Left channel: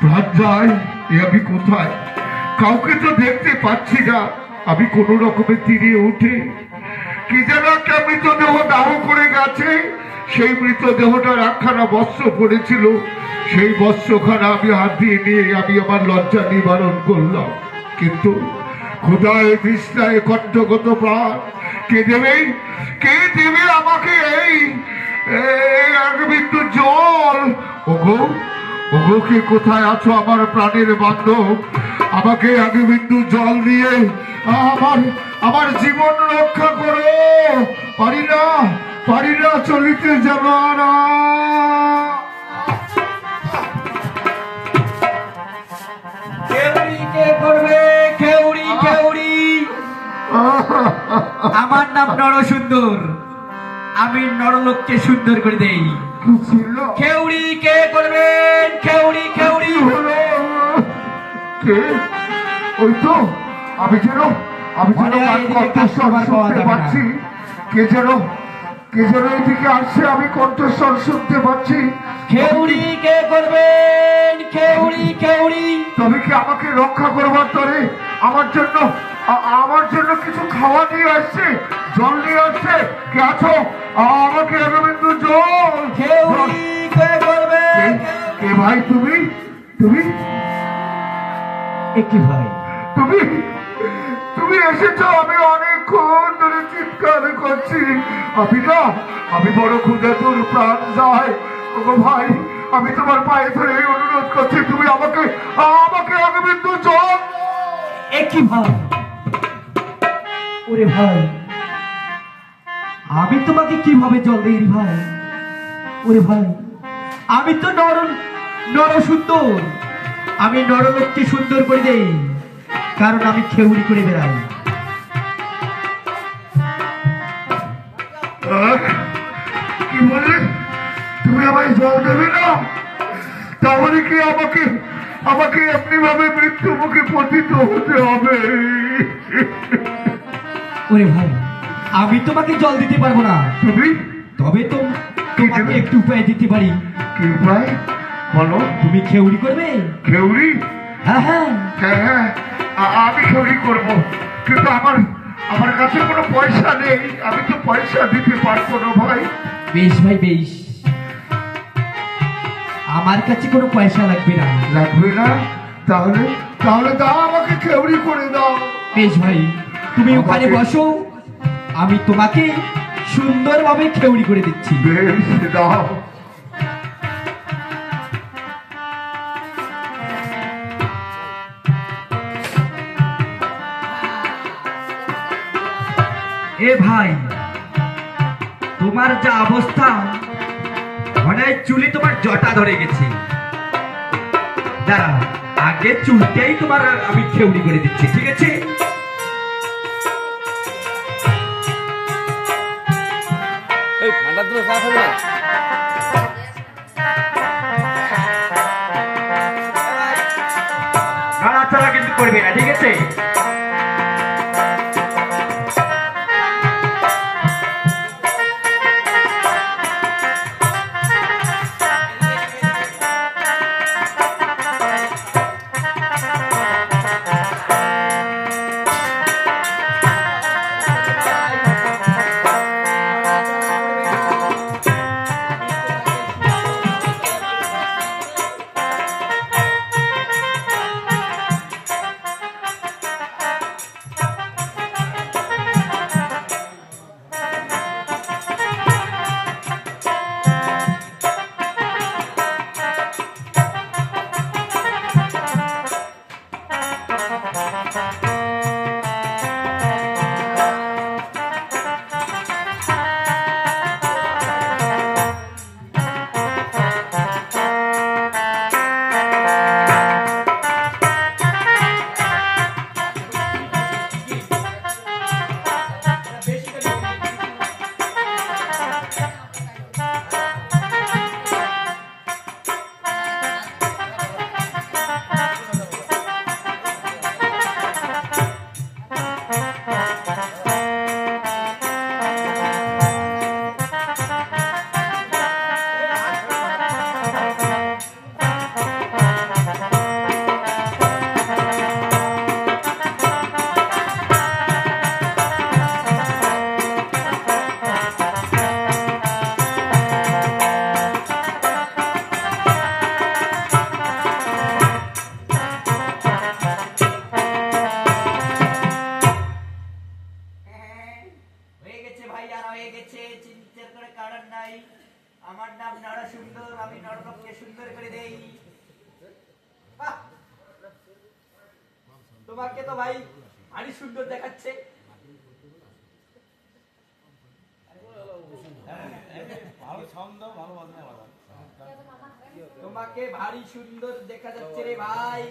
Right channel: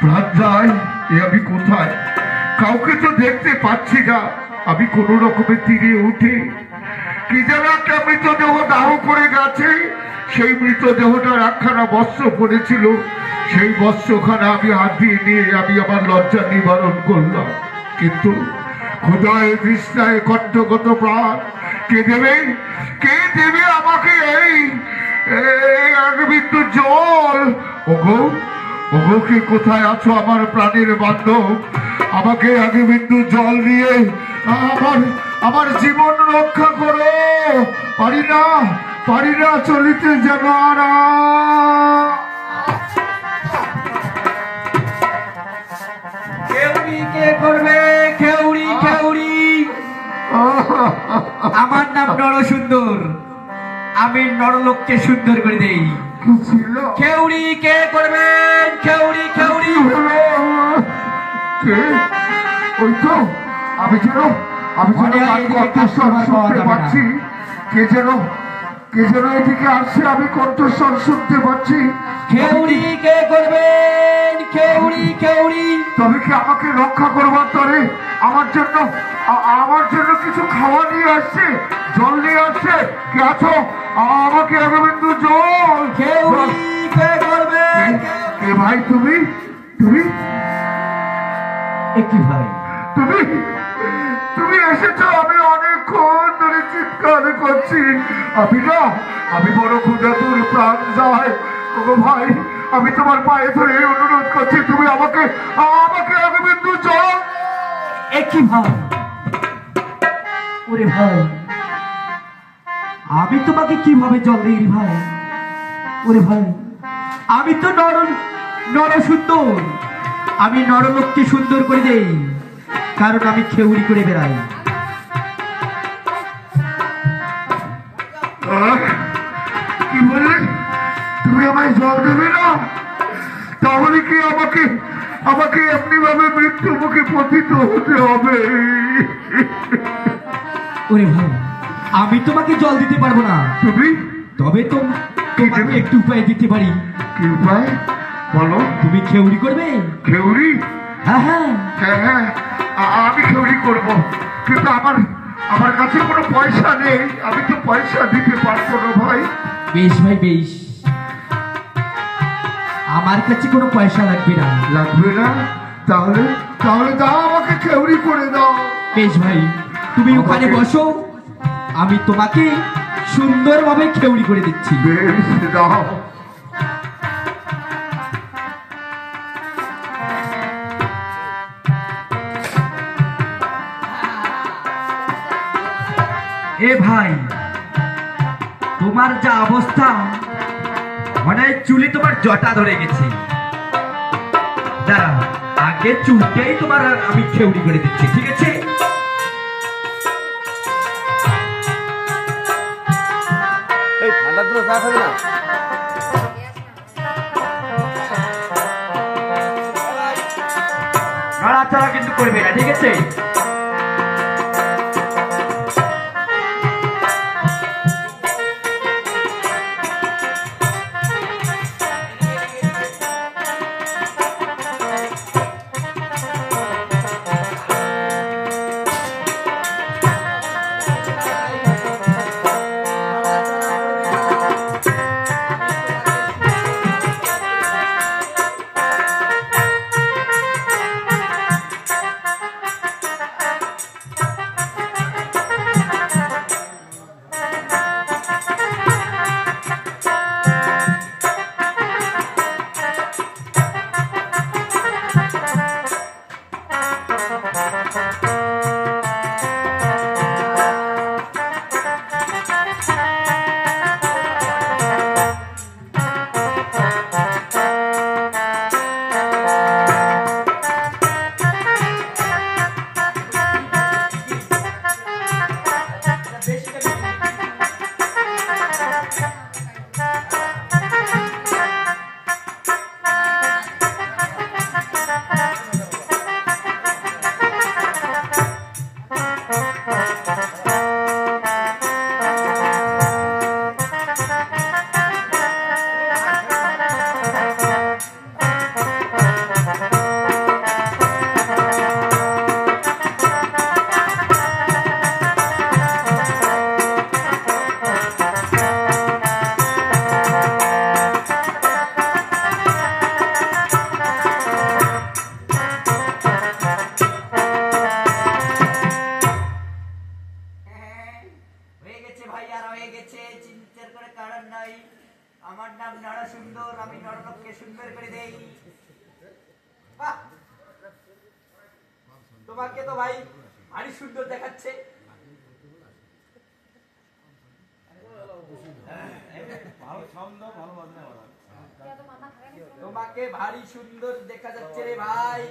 প্রাণ যায়, আমি কোথায়? কাউকে তো দেখতে পাচ্ছি না। আমি কোন রকমের তীরে উঠে কি যেন একটা মৃতদেহ দাহ করে গেছে। সেই মৃতদেহটার একখানা বস্ত্র পড়েছিল, সেই বস্ত্রখানা আমি হাত দিয়ে নিয়ে আমি আমার লজ্জা নিবারণ করলাম। কিন্তু ক্ষুধায় তৃষ্ণায় কণ্ঠগত প্রাণ কে দেবে? কে দেবে আমাকে এই এক বিন্দু জল? ওগো ওগো, কে কোথায় আছো আমার প্রাণের বান্ধব? আমাকে আগে বিন্দু জল দিয়ে আমার আমার জীবন রক্ষা করো। পারি না চলিতে যেন আর। খেউড়ি কে করবে? খেউড়ি খেউড়ি। আমার নাম নরসুন্দর, আমি নরলোককে সুন্দর করে দেই। খেউড়ি কে করবেন? খেউড়ি খেউড়ি। ওই তো আমি যেন কণ্ঠস্বর শুনতে পাচ্ছি। কে যেন এদিকে আসছে, আমি কণ্ঠস্বর শুনতে পাচ্ছি। খেউড়ি কে করবেন? খেউড়ি খেউড়ি। তবে কি আমাকে রক্ষা করবার তরে আমার জন্য কিছু খাওয়া নিয়ে আসছে, জল নিয়ে আসছে? কে আছো? আমাকে একটু জল। খেউড়ি কে করবেন? কে ভাই তুমি? কি ভাই তুমি এসেছো? আমি অনেকক্ষণ ধরে চিৎকার করছি। আমি বড় ক্ষুধাতুর, প্রাণ যায়। ওগো ভাই, আমি তোমার পায়ে ধরে অনুরোধ করছি, তুমি আমাকে আগে বিন্দু জল। কি ভাই? ওরে ভাই, আমি তোমাকে কিভাবে জল দিই ভাই? ওরে ভাই, আমি তো নরসুন্দর, আমি নরলোককে সুন্দর করে দেই, কারণ আমি খেউড়ি করে বেড়াই। কি বললে? তুমি আমায় জল দেবে না? তাহলে কি আমাকে এমনি ভাবে মৃত্যু মুখে পতিত হতে হবে? ওরে ভাই, আমি তোমাকে জল দিতে পারবো না। তবে তোমাকে একটু উপায় দিতে পারি। কি উপায় বলো? তুমি খেউড়ি করবে। খেউড়ি? হ্যাঁ হ্যাঁ হ্যাঁ, আমি খেউড়ি করবো, কিন্তু আমার কাছে কোনো পয়সা নেই। আমি তো পয়সা দিতে পারবো না ভাই। বেশ ভাই বেশ, আমার কাছে কোনো পয়সা লাগবে না। তাহলে দাও, আমাকে খেউড়ি করে দাও। বেশ ভাই, তুমি ওখানে বসো, আমি তোমাকে সুন্দরভাবে খেউড়ি করে দিচ্ছি। বেশ, দাও। এ ভাই, তোমার যা অবস্থা, মনে হয় চুলে তোমার জটা ধরে গেছে। দাঁড়া, আগে চুলটাই তোমার আমি খেউড়ি করে দিচ্ছি, ঠিক আছে? ঠান্ডা দিন চা খাবে না? নাড়াচাড়া কিন্তু করবে না, ঠিক আছে? বাহ, তোমাকে তো ভাই ভারী সুন্দর দেখাচ্ছে। তোমাকে ভারী সুন্দর দেখা যাচ্ছে রে ভাই।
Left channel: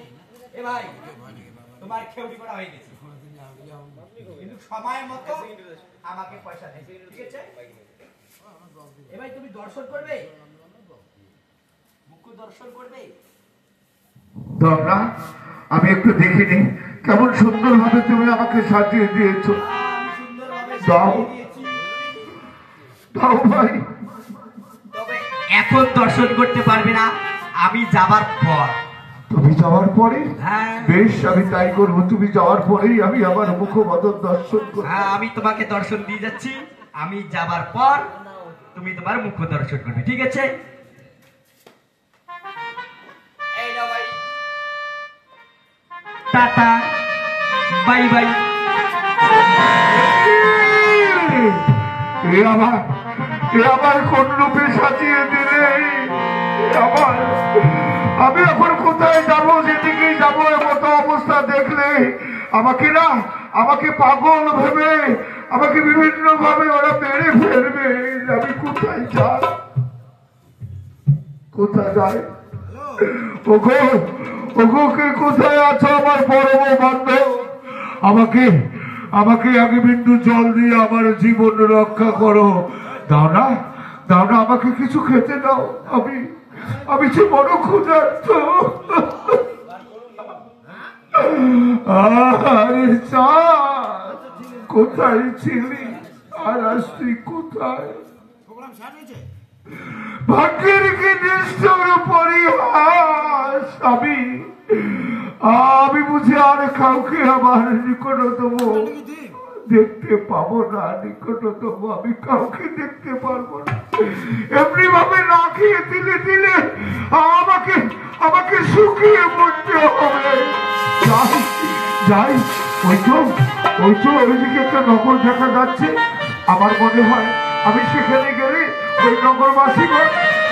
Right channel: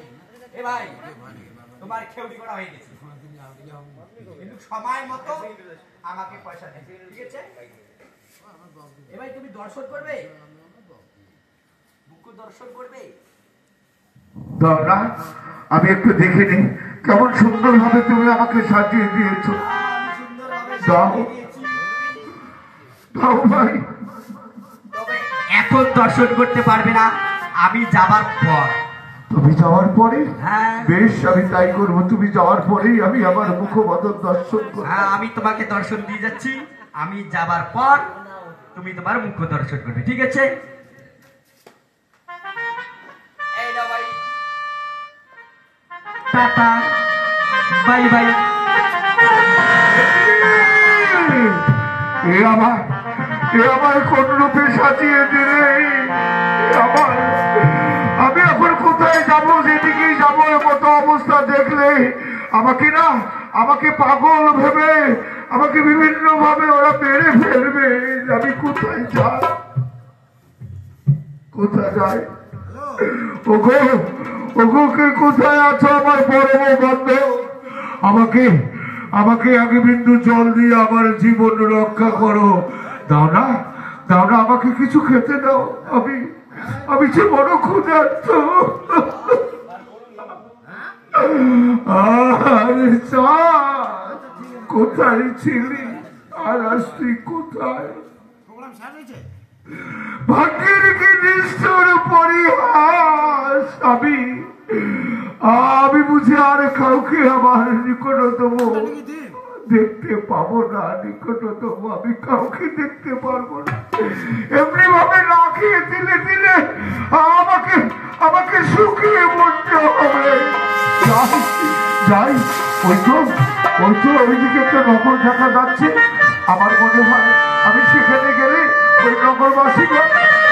এ ভাই, তোমার খেউড়ি করা হয়ে গেছে, কিন্তু সময় মতো আমাকে পয়সা দেবে, ঠিক আছে? এ ভাই, তুমি দর্শন করবে, মুখ্য দর্শন করবে। দাদা, আমি একটু দেখে নি কেমন সুন্দর ভাবে তুমি আমাকে সাজিয়ে দিয়েছো। আমি সুন্দরভাবে দাও। সাজিয়ে দিয়েছি। দাও ভাই। তবে এখন দর্শন করতে পারবে না, আমি যাবার পর। তুমি যাওয়ার পরে? হ্যাঁ। বেশ, আমি তাই করবো। তুমি যাওয়ার পরেই আমি আমার মুখবদল দর্শন করবো। হ্যাঁ, আমি তোমাকে দর্শন দিয়ে যাচ্ছি। আমি যাবার পর তুমি তোমার মুখ্য দর্শন করবে, ঠিক আছে? এই নাও ভাই, টাটা, বাই বাই। এ আমার কোন রূপে সাজিয়ে দিলে? আমি এখন কোথায় যাবো? যেদিকেই যাবো মতো অবস্থা দেখলে আমাকে পাগল ভেবে আমাকে বিভিন্ন ভাবে ওরা মেরে ফেলবে। আমি কোথায় যাই? কোথায় যাই? ওগো, ওগো, কে কোথায় আছো আমার পরম বন্ধু? আমাকে আগে বিন্দু জল দিয়ে আমার জীবন রক্ষা করো। দাও না, আমাকে কিছু খেতে দাও। আমি যে বড় ক্ষুধার্ত। আরে চাঁদ, কোথায় ছিলি? আর আসছি কোথায়? ভাগ্যের কি নিষ্ঠুর পরিহাস। আমি বুঝি আর কাউকে আমার নিকটতম দেখতে পাবো না। নিকটতম আমি কাউকে দেখতে পারবো না। এমনি ভাবে না খেয়ে দিলে আমাকে শুকিয়ে মরতে হবে। যাই, ওই তো ওইদিকে একটা নগর দেখা যাচ্ছে। আমার মনে হয় আমি সেখানে গেলে ওই নগরবাসীগণ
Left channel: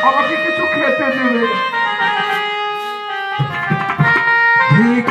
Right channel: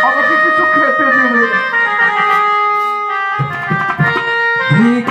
আমাকে কিছু খেতে দেবে। ঠিক